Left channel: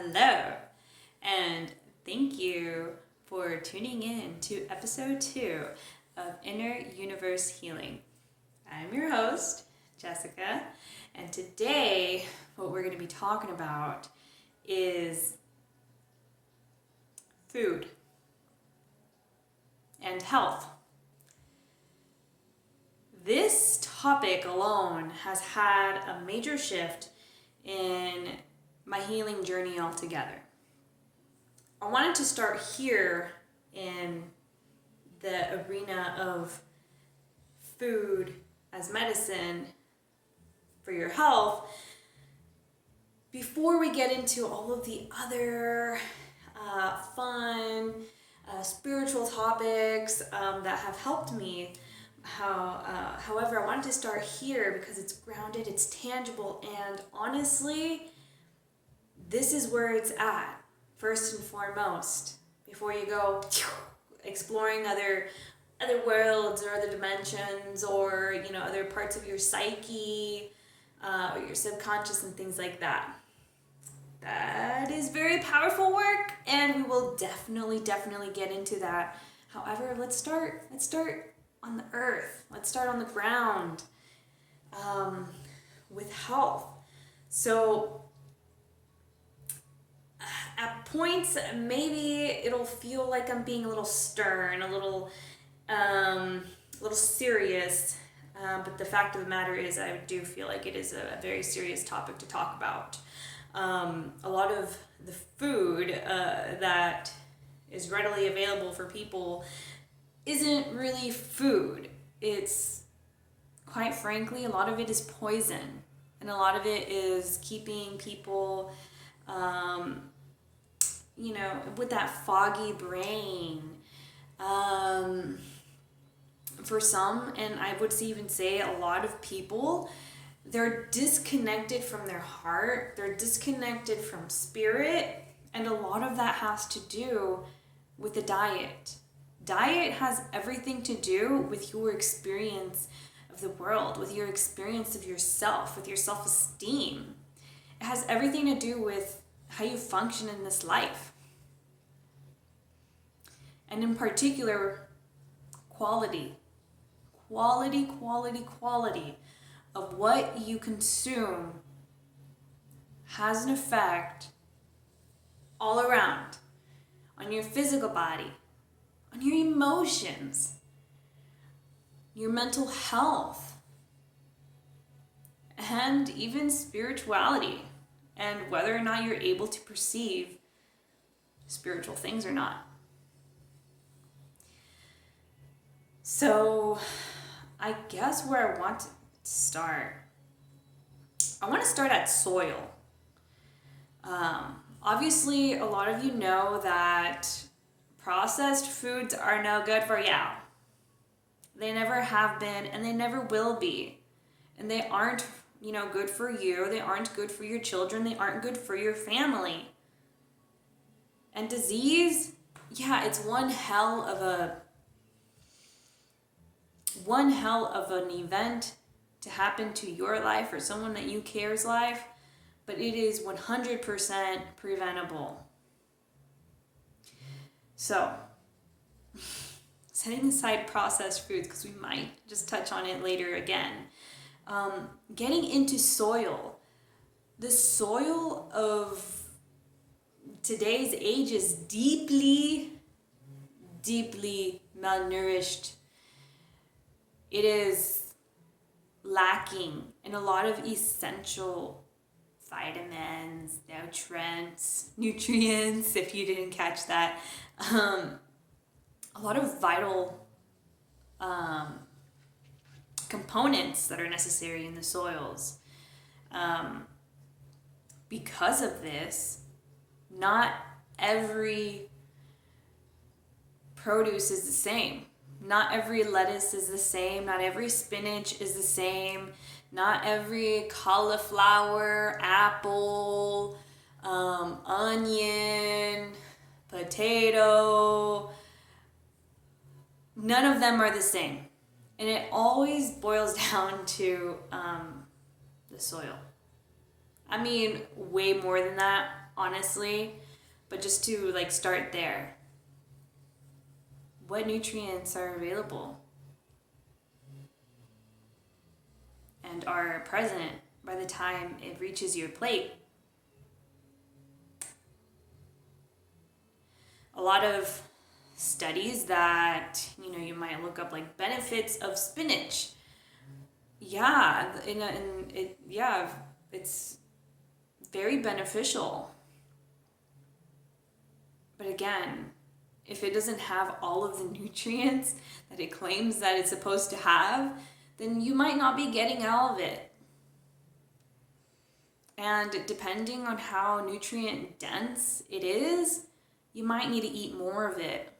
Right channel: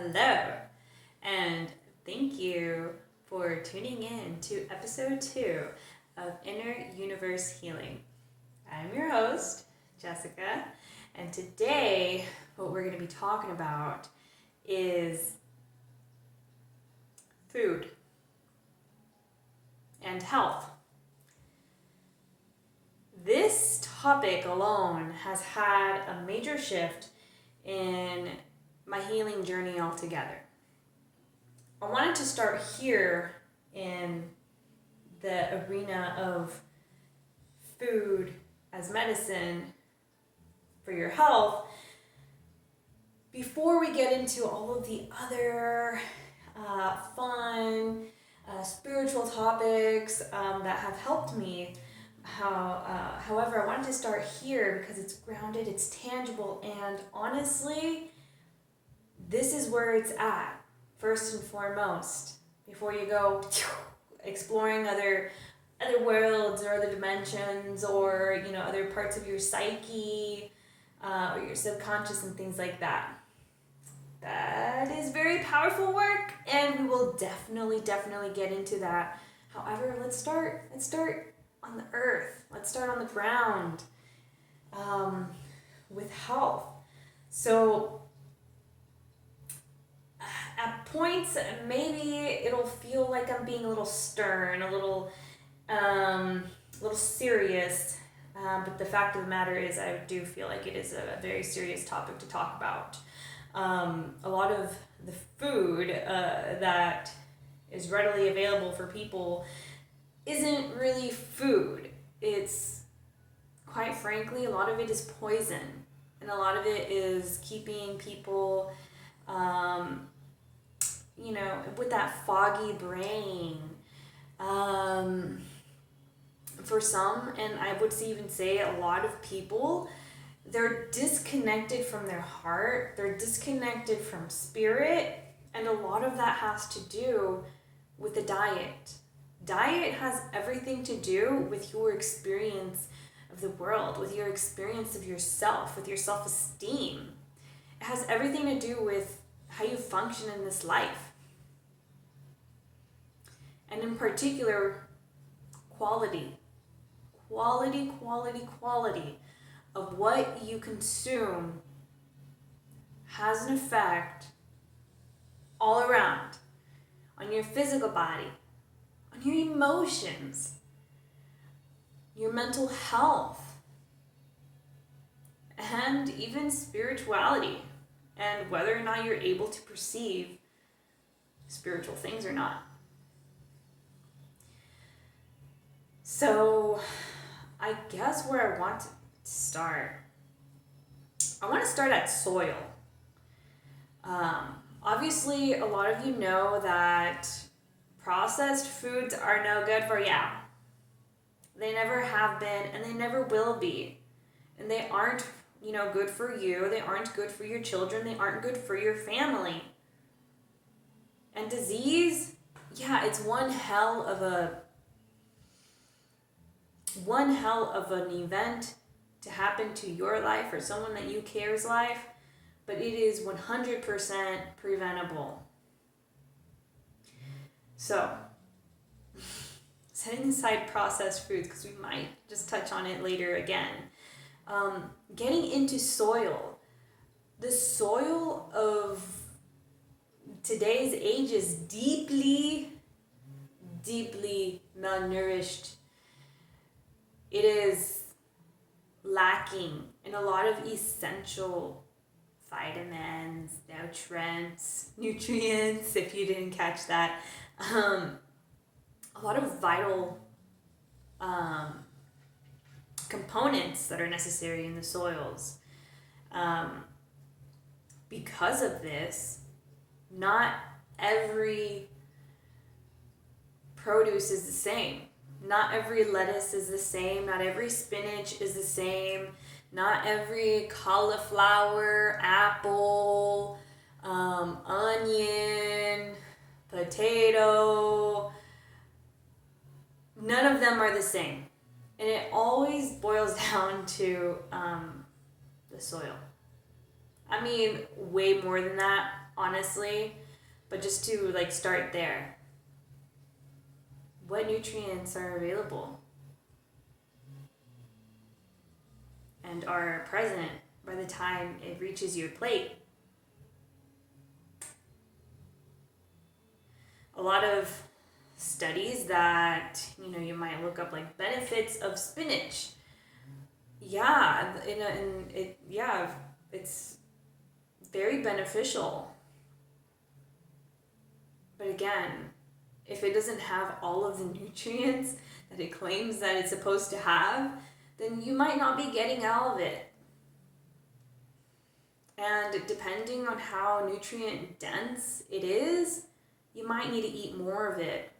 Hello, and thank you for tuning in to episode 2 of You-niverse Healing. I'm your host, Jessica, and today what we're going to be talking about is food and health. This topic alone has had a major shift in my healing journey altogether. I wanted to start here in the arena of food as medicine for your health before we get into all of the other fun spiritual topics that have helped me. However, I wanted to start here because it's grounded, it's tangible, and honestly, this is where it's at, first and foremost, before you go exploring other worlds or other dimensions or, other parts of your psyche or your subconscious and things like that. That is very powerful work, and we will definitely get into that. However, let's start on the earth. Let's start on the ground with health. So at points, maybe it'll feel like I'm being a little stern, a little serious, but the fact of the matter is I do feel like it is a very serious topic to talk about. A lot of the food that is readily available for people isn't really food. It's, quite frankly, a lot of it is poison, and a lot of it is keeping people with that foggy brain. For some, and I would even say a lot of people, they're disconnected from their heart, they're disconnected from spirit, and a lot of that has to do with the diet. Diet has everything to do with your experience of the world, with your experience of yourself, with your self-esteem. It has everything to do with how you function in this life. And in particular, quality of what you consume has an effect all around on your physical body, on your emotions, your mental health, and even spirituality, and whether or not you're able to perceive spiritual things or not. So I guess where I want to start, I want to start at soil. Obviously, a lot of you know that processed foods are no good for you. They never have been, and they never will be. And they aren't, good for you. They aren't good for your children. They aren't good for your family. And disease, it's one hell of an event to happen to your life or someone that you care's life, but it is 100% preventable. So, setting aside processed foods, because we might just touch on it later again, getting into soil. The soil of today's age is deeply malnourished. It is lacking in a lot of essential vitamins, nutrients, if you didn't catch that. A lot of vital components that are necessary in the soils. Because of this, not every produce is the same. Not every lettuce is the same. Not every spinach is the same. Not every cauliflower, apple, onion, potato, none of them are the same. And it always boils down to the soil. I mean, way more than that, honestly, but just to like start there. What nutrients are available and are present by the time it reaches your plate? A lot of studies that, you might look up, like benefits of spinach. Yeah, it's very beneficial. But again, if it doesn't have all of the nutrients that it claims that it's supposed to have, then you might not be getting all of it. And depending on how nutrient dense it is, you might need to eat more of it.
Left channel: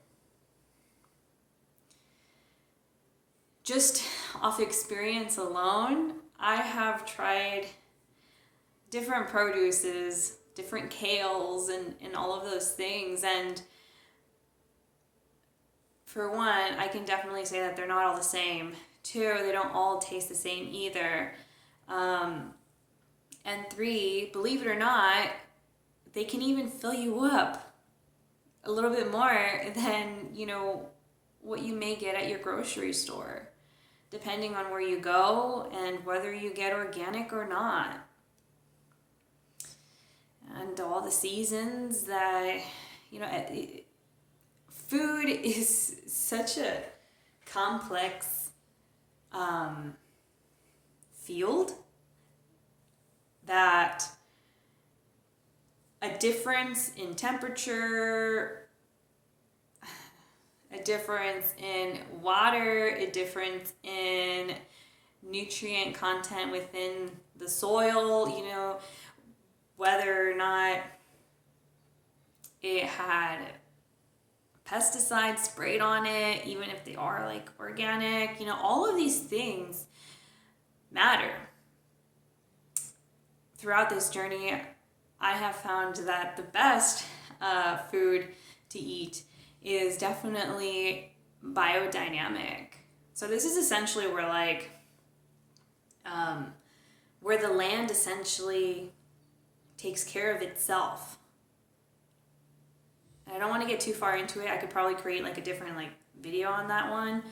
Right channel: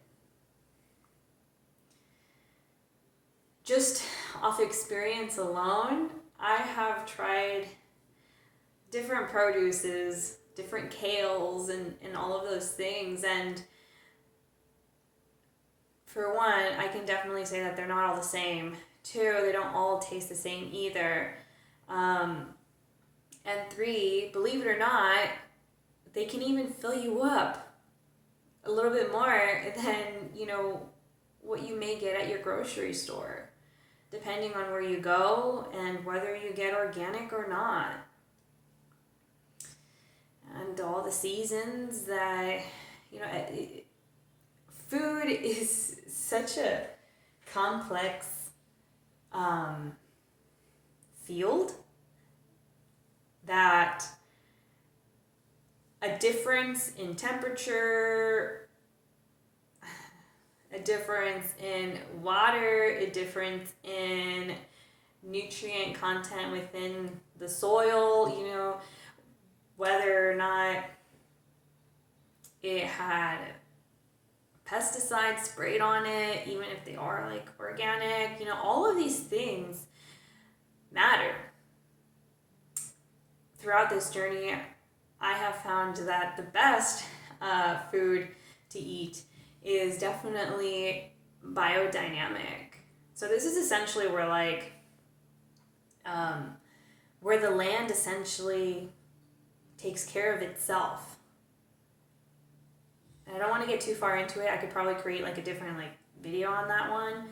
Just off experience alone, I have tried different produces, different kales, and all of those things. And for one, I can definitely say that they're not all the same. Two, they don't all taste the same either. And three, believe it or not, they can even fill you up a little bit more than, what you may get at your grocery store, depending on where you go and whether you get organic or not. And all the seasons that, food is such a complex field that a difference in temperature, a difference in water, a difference in nutrient content within the soil, whether or not it had pesticides sprayed on it, even if they are like organic, all of these things matter. Throughout this journey, I have found that the best food to eat is definitely biodynamic. So this is essentially where where the land essentially takes care of itself. And I don't want to get too far into it. I could probably create like a different video on that one.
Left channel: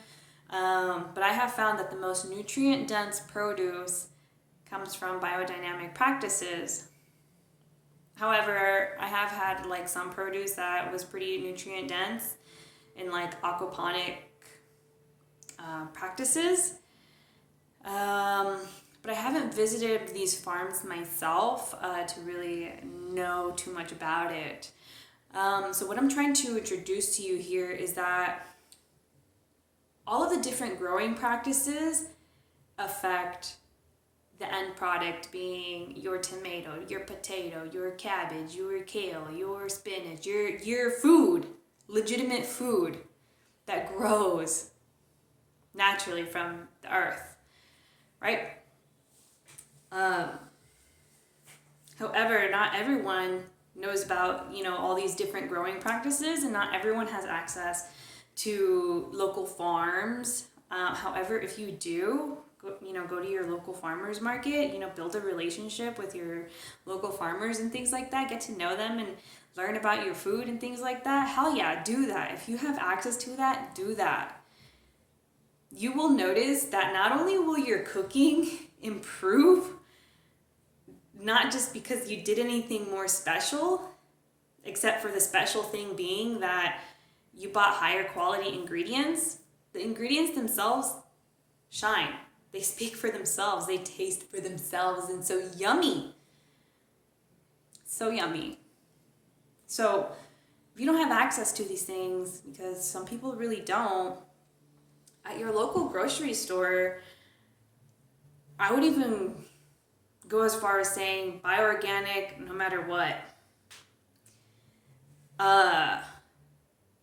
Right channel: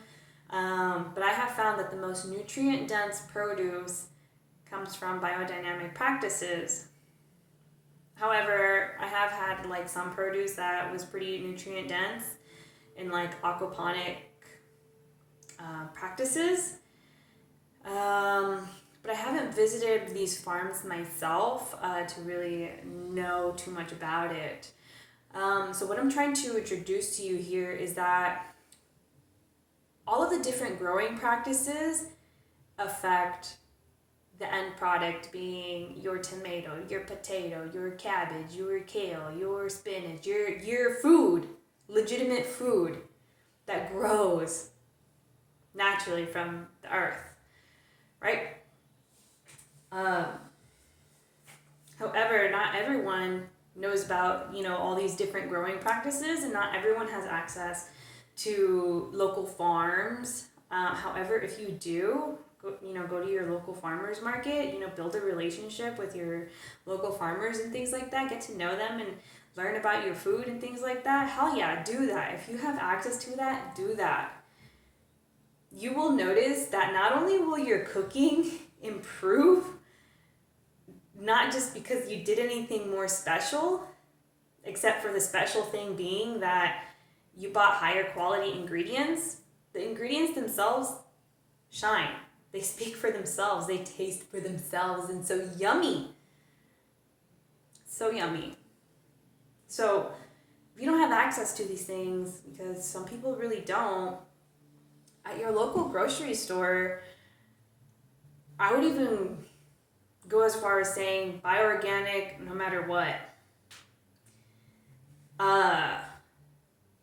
But I have found that the most nutrient dense produce comes from biodynamic practices. However, I have had some produce that was pretty nutrient dense in aquaponic practices. But I haven't visited these farms myself to really know too much about it. So what I'm trying to introduce to you here is that all of the different growing practices affect the end product, being your tomato, your potato, your cabbage, your kale, your spinach, your food, legitimate food that grows naturally from the earth, right? However, not everyone knows about, all these different growing practices, and not everyone has access to local farms. However, if you do, go to your local farmers market, build a relationship with your local farmers and things like that, get to know them and learn about your food and things like that. Hell yeah, do that. If you have access to that, do that. You will notice that not only will your cooking improve, not just because you did anything more special, except for the special thing being that you bought higher quality ingredients. The ingredients themselves shine. They speak for themselves. They taste for themselves, and so yummy. So yummy. So if you don't have access to these things, because some people really don't, at your local grocery store, I would even go as far as saying buy organic no matter what.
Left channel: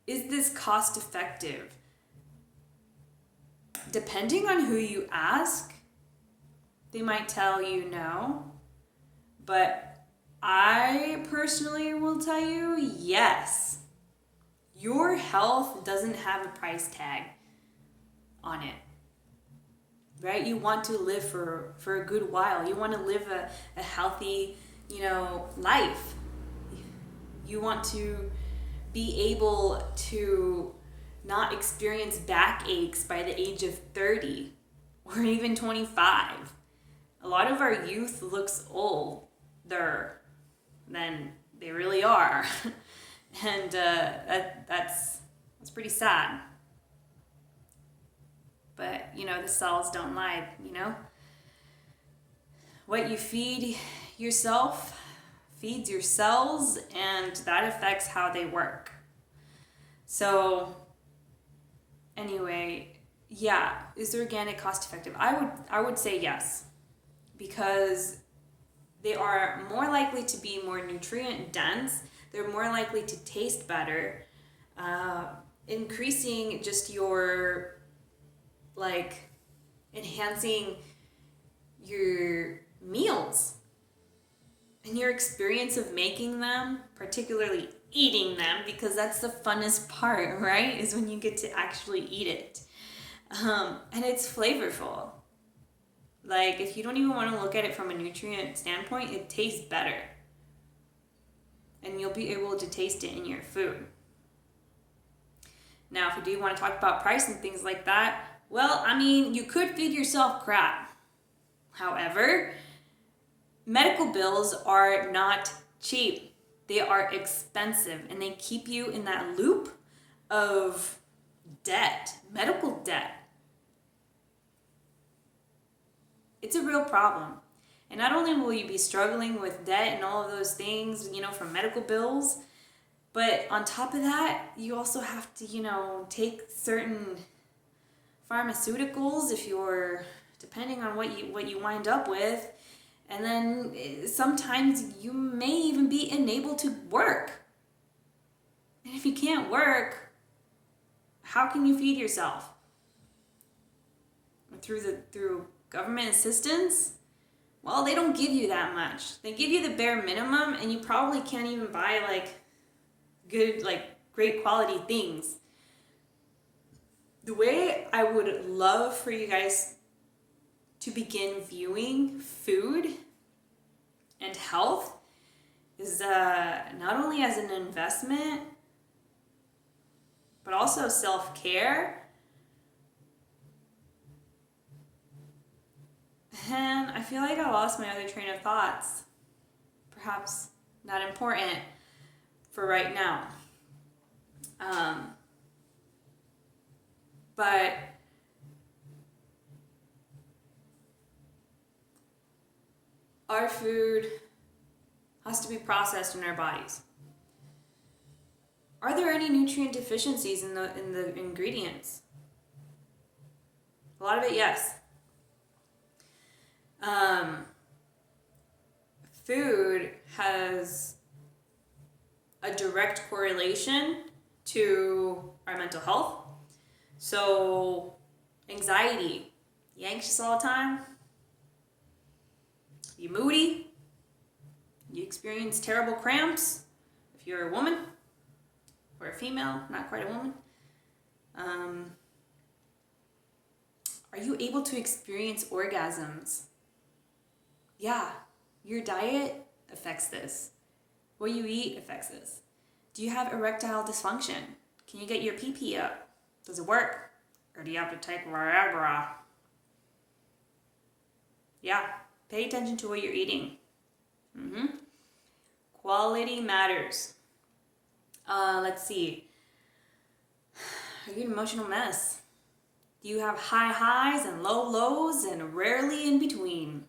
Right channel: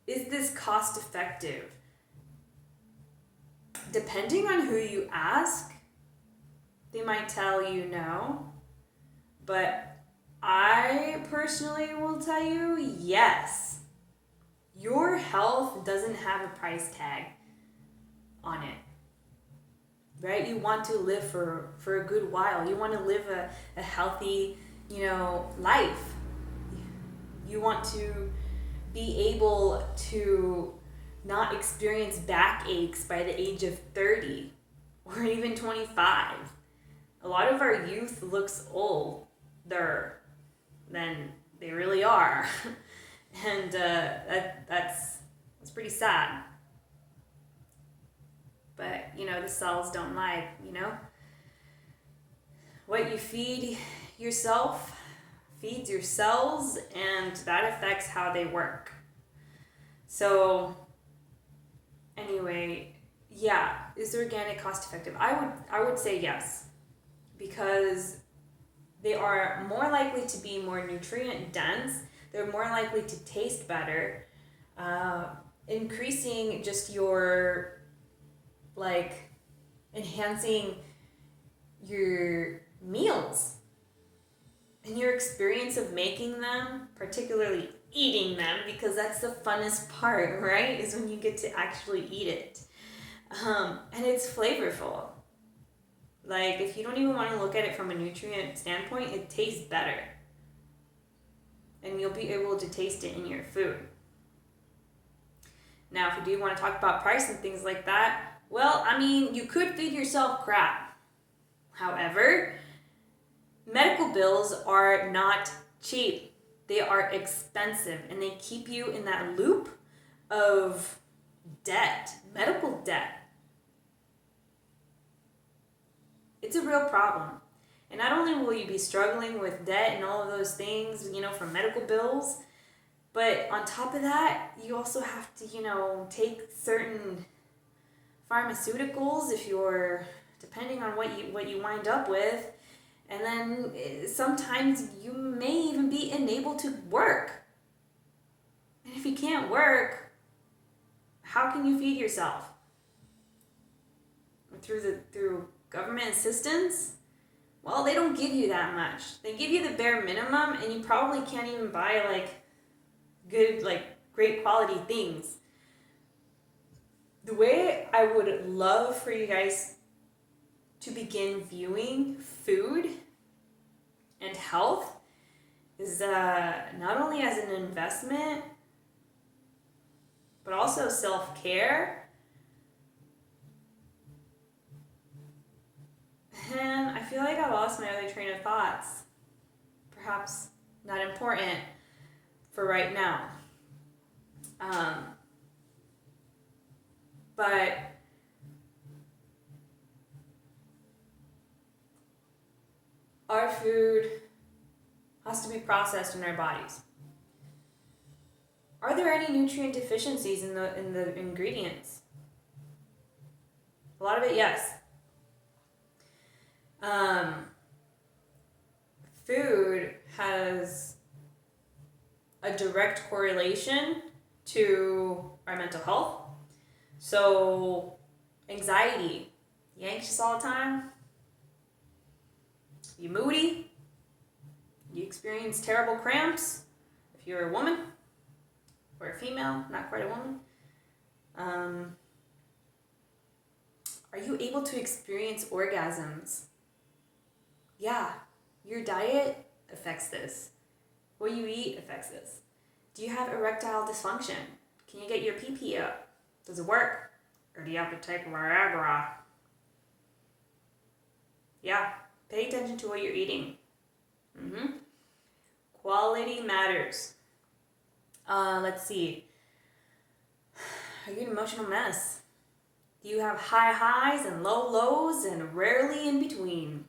Is this cost effective? Depending on who you ask, they might tell you no. But I personally will tell you yes. Your health doesn't have a price tag on it. Right? You want to live for a good while. You want to live a healthy, life. want to be able to not experience backaches by the age of 30 or even 25. A lot of our youth looks older than they really are. And that's pretty sad. But, the cells don't lie, What you feed yourself feeds your cells, and that affects how they work. So, anyway, yeah, is organic cost effective? I would say yes, because they are more likely to be more nutrient dense. They're more likely to taste better, increasing just your, enhancing your meals and your experience of making them, particularly eating them, because that's the funnest part, right? Is when you get to actually eat it. And it's flavorful. If you don't even want to look at it from a nutrient standpoint, it tastes better. And you'll be able to taste it in your food. Now, if you do want to talk about price and things like that, well, you could feed yourself crap. However, medical bills are not cheap. They are expensive, and they keep you in that loop of debt, medical debt. It's a real problem. And not only will you be struggling with debt and all of those things, from medical bills, but on top of that, you also have to, take certain pharmaceuticals if you're, depending on what you wind up with. And then sometimes you may even be unable to work. And if you can't work, how can you feed yourself? Through government assistance? Well, they don't give you that much. They give you the bare minimum, and you probably can't even buy good, great quality things. The way I would love for you guys to begin viewing food and health is not only as an investment, but also self-care. And I feel like I lost my other train of thoughts. Perhaps not important for right now. But our food has to be processed in our bodies. Are there any nutrient deficiencies in the ingredients? A lot of it, yes. Food has a direct correlation to our mental health. So, anxiety. You anxious all the time? You moody? You experience terrible cramps? If you're a woman or a female, not quite a woman. Are you able to experience orgasms? Yeah, your diet affects this. What you eat affects this. Do you have erectile dysfunction? Can you get your pee-pee up? Does it work? Or do you have to take Viagra? Yeah, pay attention to what you're eating. Quality matters. Let's see. Are you an emotional mess? Do you have high highs and low lows and rarely in between?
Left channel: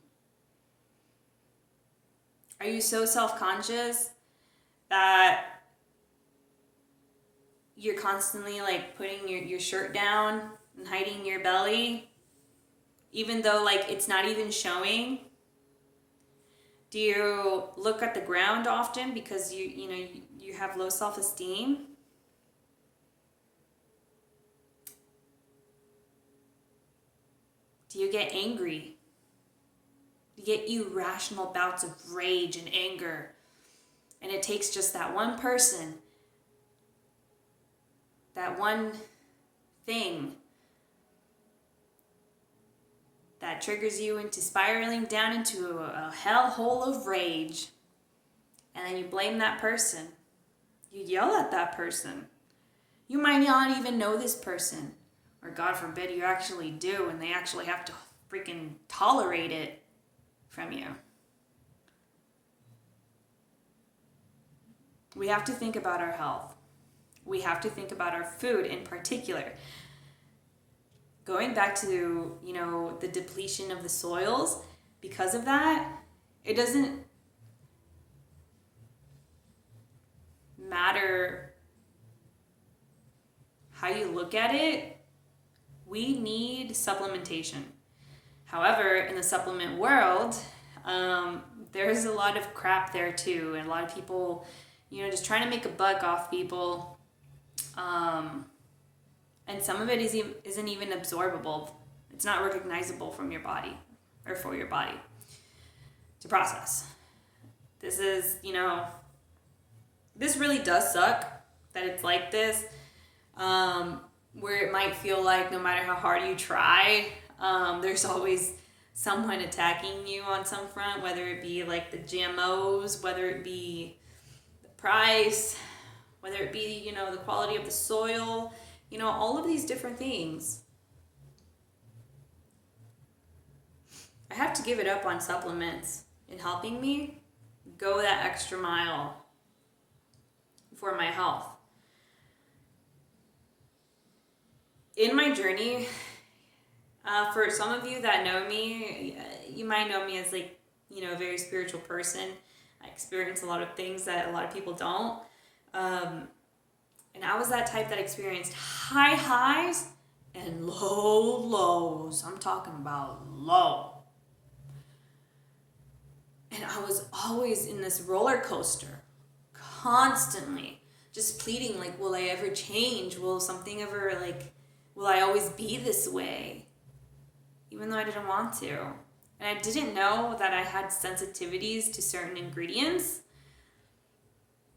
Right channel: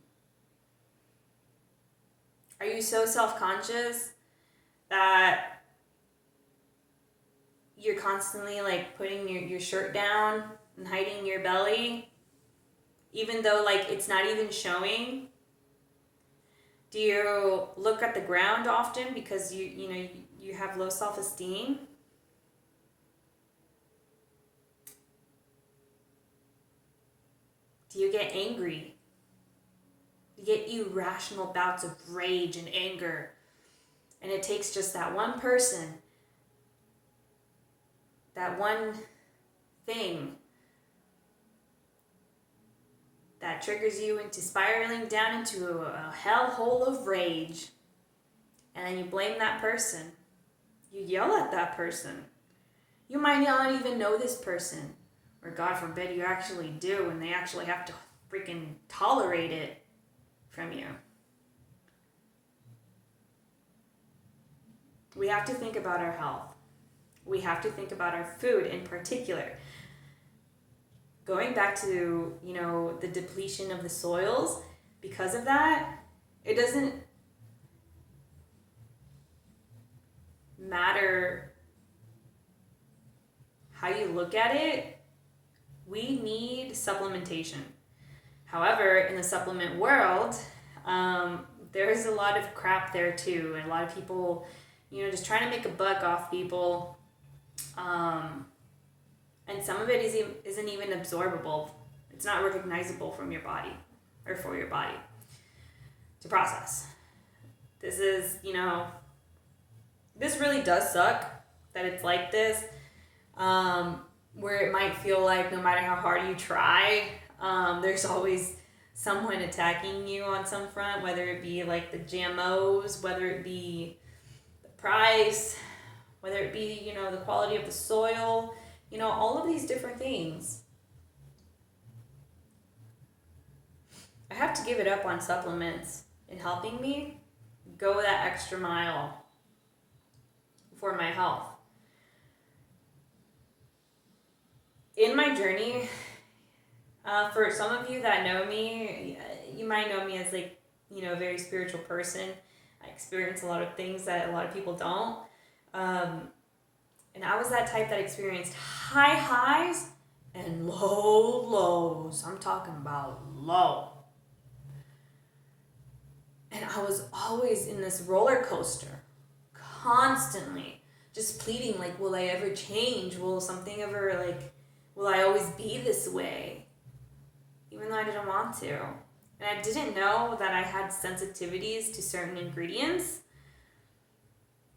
Are you so self-conscious that you're constantly putting your shirt down and hiding your belly, even though it's not even showing? Do you look at the ground often because you have low self-esteem? Do you get angry? You get irrational bouts of rage and anger, and it takes just that one person, that one thing that triggers you into spiraling down into a hellhole of rage, and then you blame that person, You yell at that person. You might not even know this person. Or God forbid you actually do, and they actually have to freaking tolerate it from you. We have to think about our health. We have to think about our food in particular. Going back to, the depletion of the soils, because of that, it doesn't matter how you look at it. We need supplementation. However, in the supplement world, there's a lot of crap there too, and a lot of people, just trying to make a buck off people, and some of it isn't even absorbable. It's not recognizable from your body or for your body to process. This is, this really does suck that it's like this, where it might feel like no matter how hard you try, there's always someone attacking you on some front, whether it be like the GMOs, whether it be the price, whether it be, the quality of the soil, all of these different things. I have to give it up on supplements in helping me go that extra mile for my health. In my journey, for some of you that know me, you might know me as a very spiritual person. I experience a lot of things that a lot of people don't. And I was that type that experienced high highs and low lows. I'm talking about low. And I was always in this roller coaster, constantly, just pleading, like, will I ever change? Will something ever, will I always be this way? Even though I didn't want to. And I didn't know that I had sensitivities to certain ingredients.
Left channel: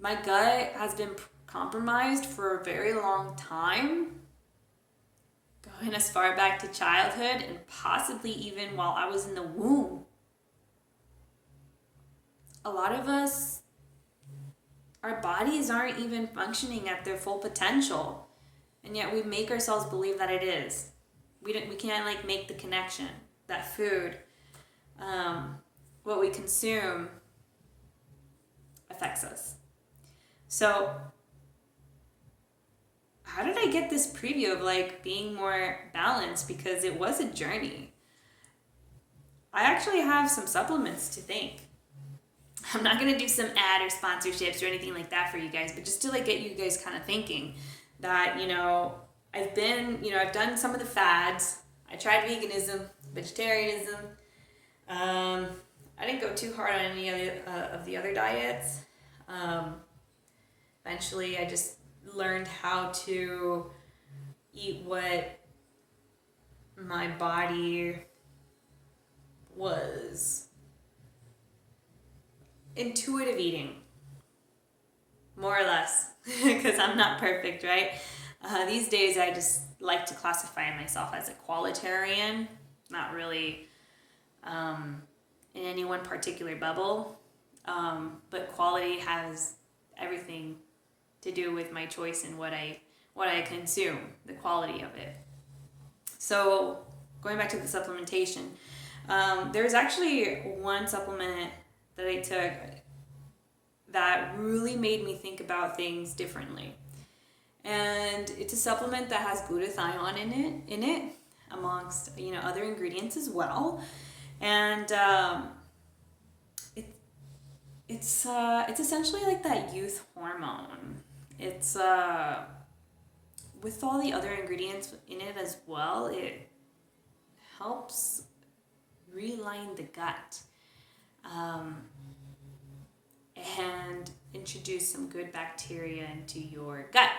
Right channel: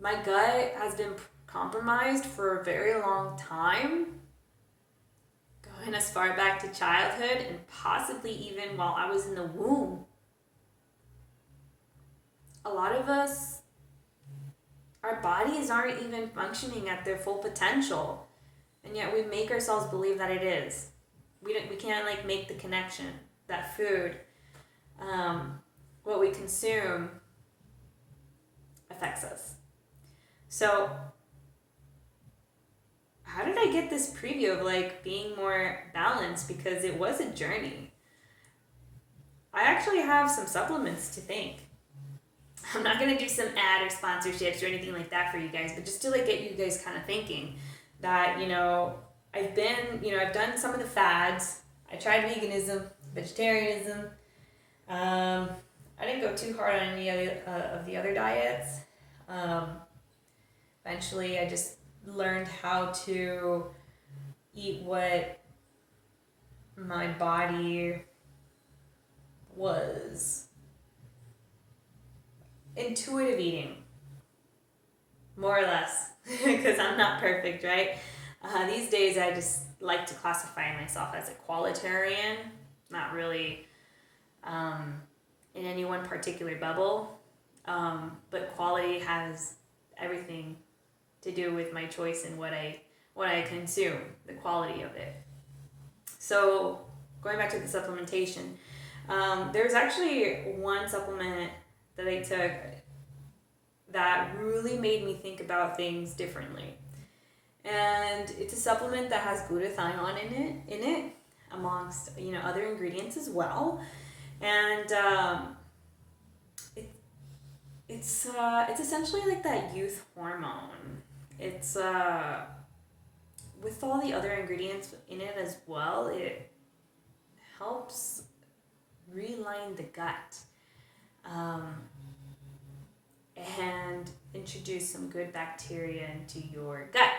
My gut has been compromised for a very long time, going as far back to childhood and possibly even while I was in the womb. A lot of us, our bodies aren't even functioning at their full potential, and yet we make ourselves believe that it is. We can't make the connection that food, what we consume, affects us. So how did I get this preview of being more balanced? Because it was a journey. I actually have some supplements to thank. I'm not going to do some ad or sponsorships or anything like that for you guys, but just to get you guys kind of thinking that, I've done some of the fads. I tried veganism, vegetarianism. I didn't go too hard on any of the other diets. Eventually, I just learned how to eat what my body was. Intuitive eating, more or less, because I'm not perfect, right? These days, I just like to classify myself as a qualitarian, not really in any one particular bubble, but quality has everything to do with my choice and what I consume, the quality of it. So going back to the supplementation, there's actually one supplement that I took that really made me think about things differently. And it's a supplement that has glutathione in it amongst other ingredients as well. And it's essentially like that youth hormone. It's with all the other ingredients in it as well, it helps realign the gut. And introduce some good bacteria into your gut.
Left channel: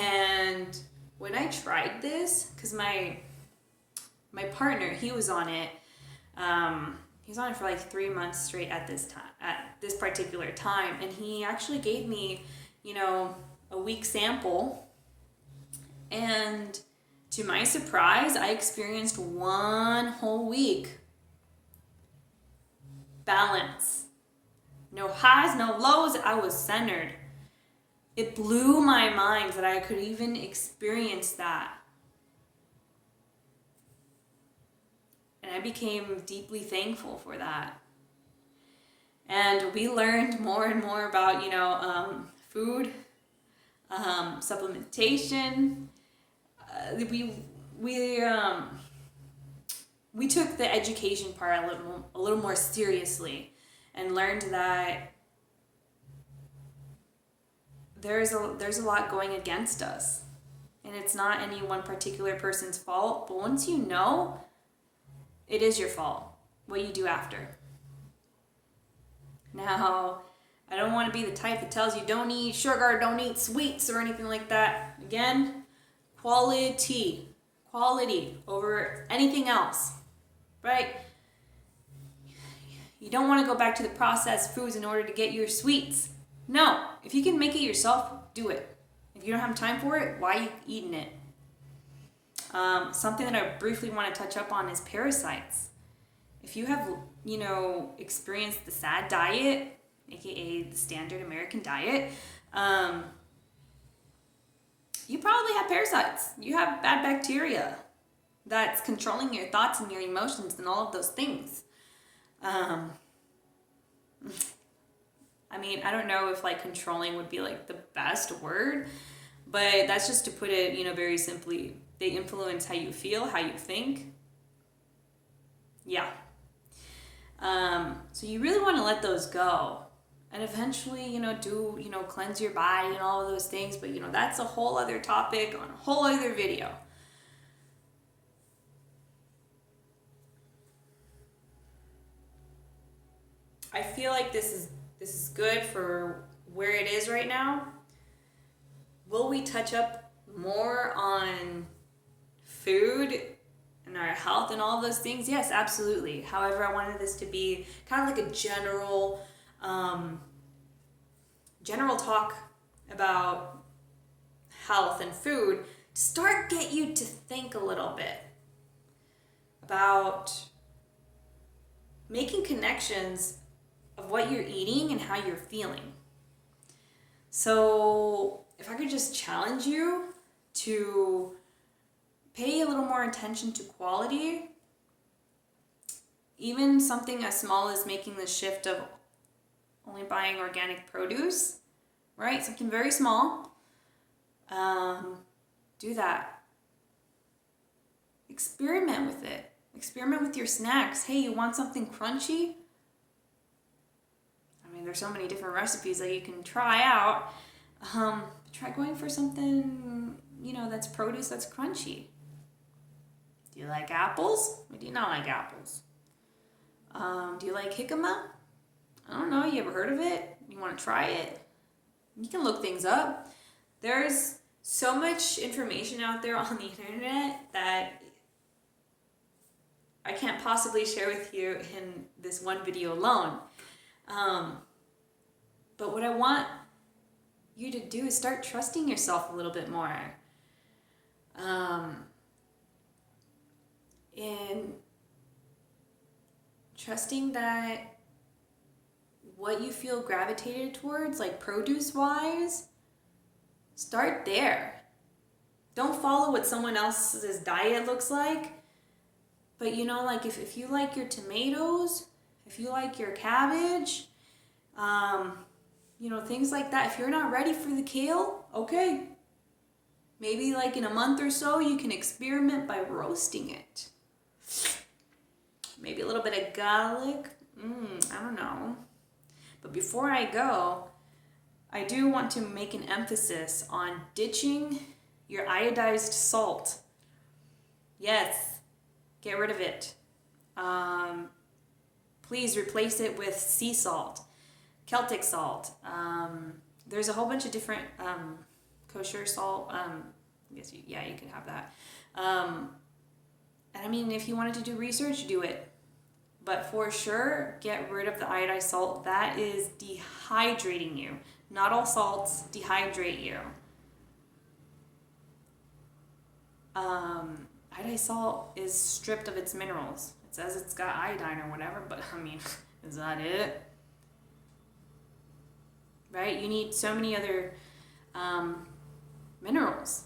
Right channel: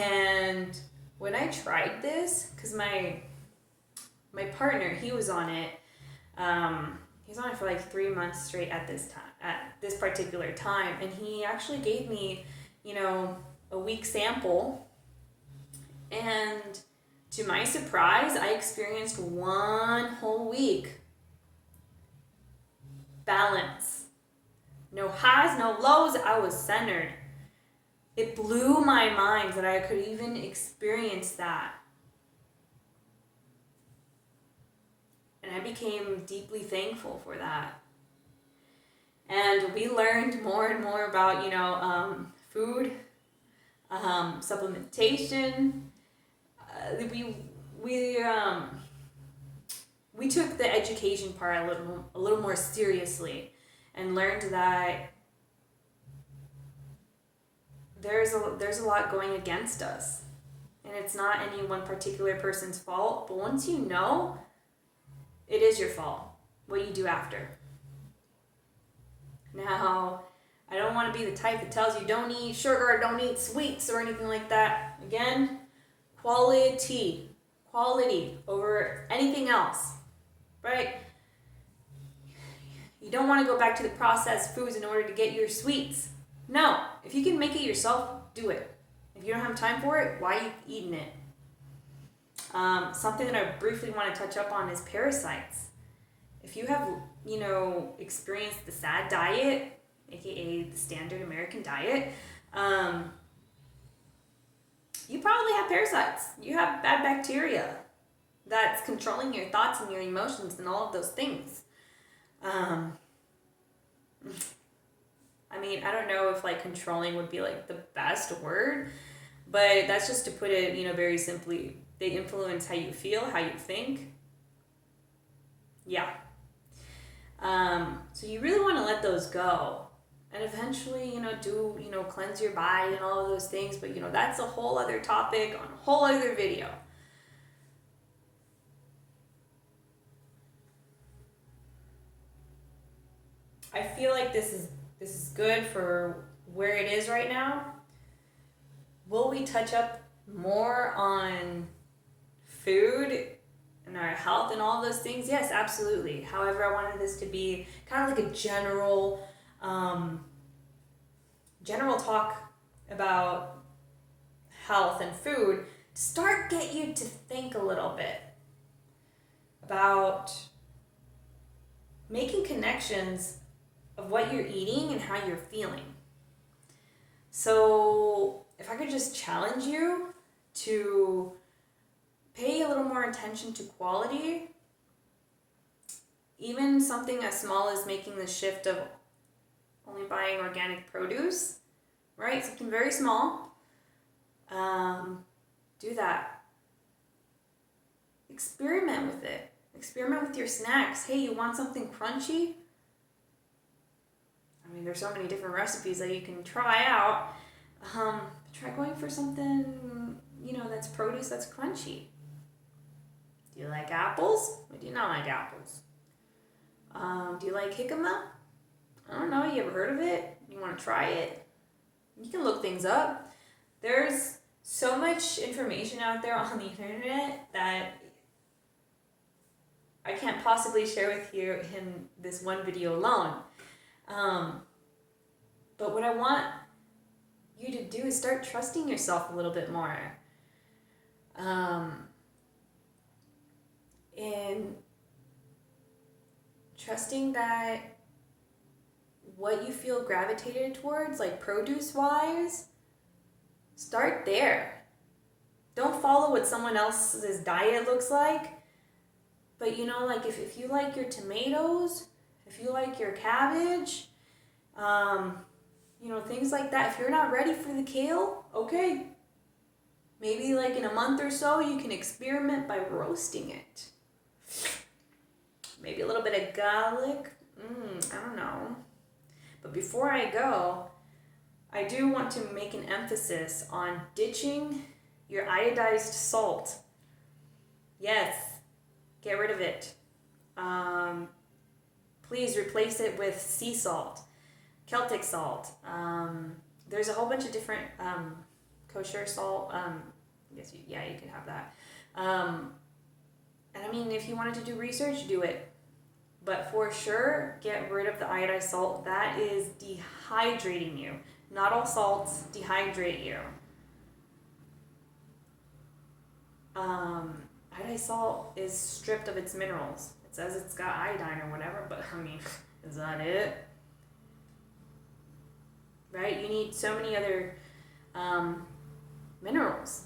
And when I tried this, because my partner, he was on it. He was on it for 3 months straight at this particular time, and he actually gave me, a week sample. And to my surprise, I experienced 1 whole week balance. No highs, no lows. I was centered. It blew my mind that I could even experience that. And I became deeply thankful for that. And we learned more and more about, food, supplementation. We took the education part a little more seriously, and learned that there's a lot going against us, and it's not any one particular person's fault. But once you know, it is your fault. What you do after. Now, I don't want to be the type that tells you don't eat sugar, don't eat sweets, or anything like that. Again, quality over anything else, right? You don't want to go back to the processed foods in order to get your sweets. No, if you can make it yourself, do it. If you don't have time for it, why are you eating it? Something that I briefly want to touch up on is parasites. If you have, experienced the SAD diet, aka the standard American diet, you probably have parasites. You have bad bacteria that's controlling your thoughts and your emotions and all of those things. I don't know if controlling would be the best word, but that's just to put it, very simply. They influence how you feel, how you think. Yeah. So you really want to let those go. And eventually, cleanse your body and all of those things. But, that's a whole other topic on a whole other video. I feel like this is good for where it is right now. Will we touch up more on food and our health and all of those things? Yes, absolutely. However, I wanted this to be kind of like a general talk about health and food to get you to think a little bit about making connections of what you're eating and how you're feeling. So if I could just challenge you to pay a little more attention to quality, even something as small as making the shift of only buying organic produce, right? Something very small. Do that. Experiment with it. Experiment with your snacks. Hey, you want something crunchy? There's so many different recipes that you can try out. Try going for something, that's produce that's crunchy. Do you like apples? Or do you not like apples? Do you like jicama? I don't know. You ever heard of it? You want to try it? You can look things up. There's so much information out there on the internet that I can't possibly share with you in this one video alone. But what I want you to do is start trusting yourself a little bit more. And trusting that what you feel gravitated towards, produce-wise, start there. Don't follow what someone else's diet looks like. But, if you like your tomatoes, if you like your cabbage, things like that. If you're not ready for the kale, okay. Maybe in a month or so, you can experiment by roasting it. Maybe a little bit of garlic. I don't know. But before I go, I do want to make an emphasis on ditching your iodized salt. Yes, get rid of it. Please replace it with sea salt, Celtic salt. There's a whole bunch of different kosher salt. You can have that. And if you wanted to do research, do it. But for sure, get rid of the iodized salt. That is dehydrating you. Not all salts dehydrate you. Iodized salt is stripped of its minerals. It says it's got iodine or whatever, but is that it? Right? You need so many other minerals.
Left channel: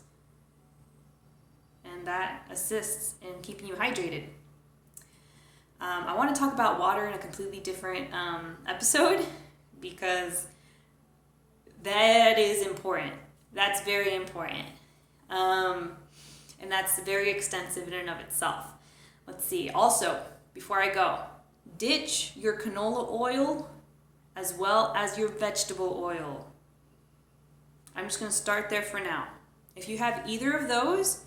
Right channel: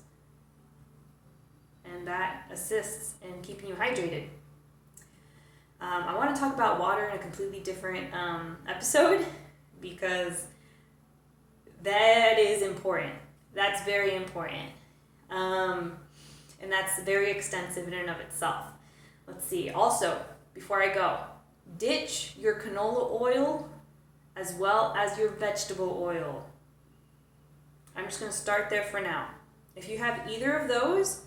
And that assists in keeping you hydrated. I want to talk about water in a completely different episode because that is important. That's very important. And that's very extensive in and of itself. Let's see. Also, before I go, ditch your canola oil as well as your vegetable oil. I'm just going to start there for now. If you have either of those,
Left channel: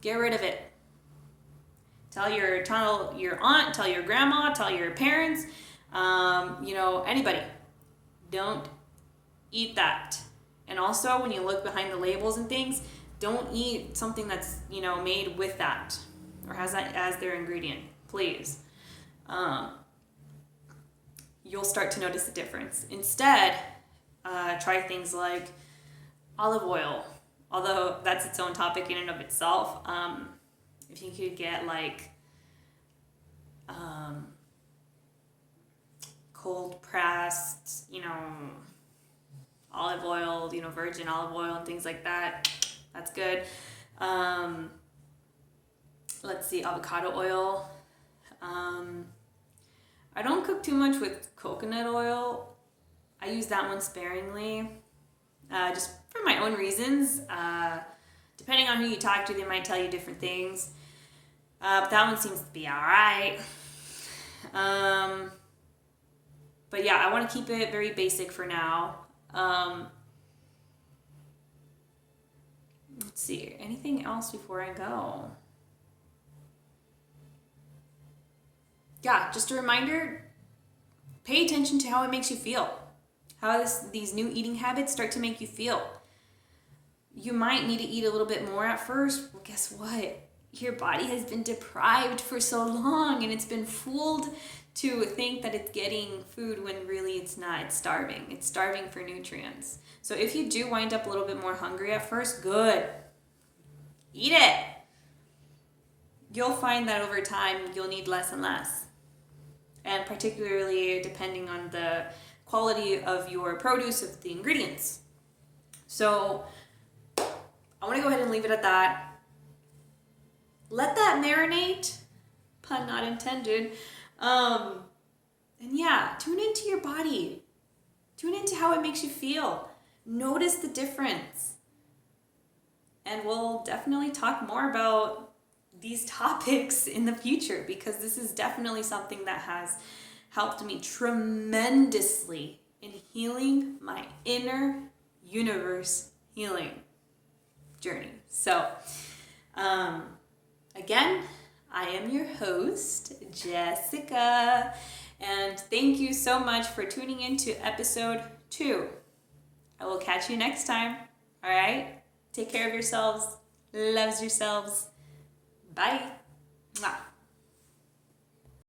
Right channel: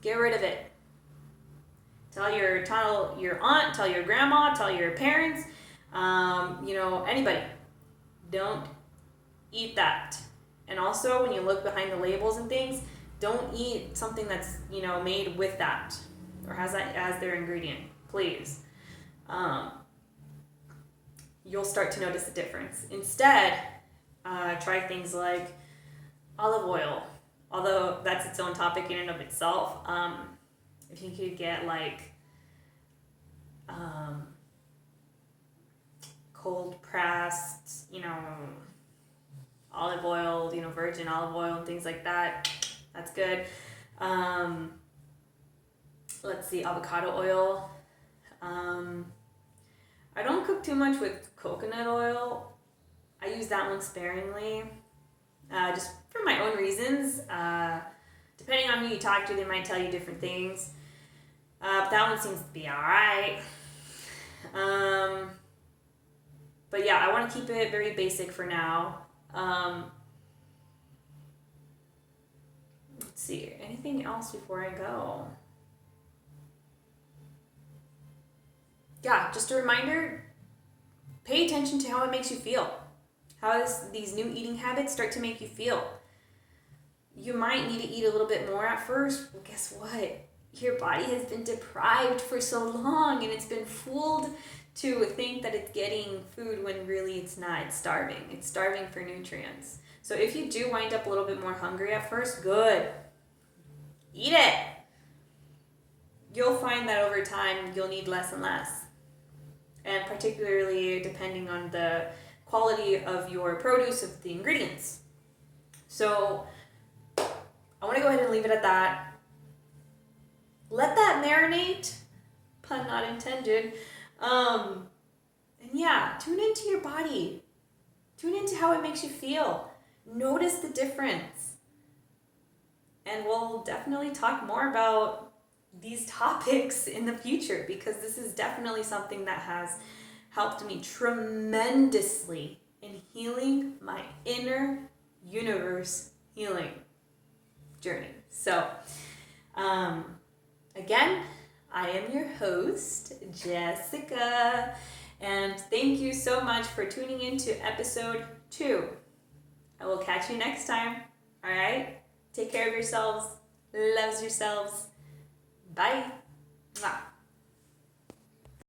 get rid of it. Tell your aunt, tell your grandma, tell your parents, anybody. Don't eat that. And also, when you look behind the labels and things, don't eat something that's, made with that or has that as their ingredient, please. You'll start to notice the difference. Instead, try things like olive oil, although that's its own topic in and of itself. If you could get cold pressed, olive oil, virgin olive oil and things like that, that's good. Let's see, avocado oil. I don't cook too much with coconut oil. I use that one sparingly, just for my own reasons. Depending on who you talk to, they might tell you different things. But that one seems to be alright. But yeah, I want to keep it very basic for now. Let's see, anything else before I go? Yeah, just a reminder, pay attention to how it makes you feel. How these new eating habits start to make you feel. You might need to eat a little bit more at first. Well, guess what? Your body has been deprived for so long and it's been fooled to think that it's getting food when really it's not. It's starving. It's starving for nutrients. So if you do wind up a little bit more hungry at first, good. Eat it. You'll find that over time you'll need less and less. And particularly depending on the quality of your produce, of the ingredients. So I want to go ahead and leave it at that. Let that marinate, pun not intended. And yeah, tune into your body. Tune into how it makes you feel. Notice the difference. And we'll definitely talk more about these topics in the future because this is definitely something that has helped me tremendously in healing my inner universe healing journey. So, again, I am your host, Jessica, and thank you so much for tuning into episode 2. I will catch you next time. All right? Take care of yourselves. Loves yourselves. Bye. Mwah.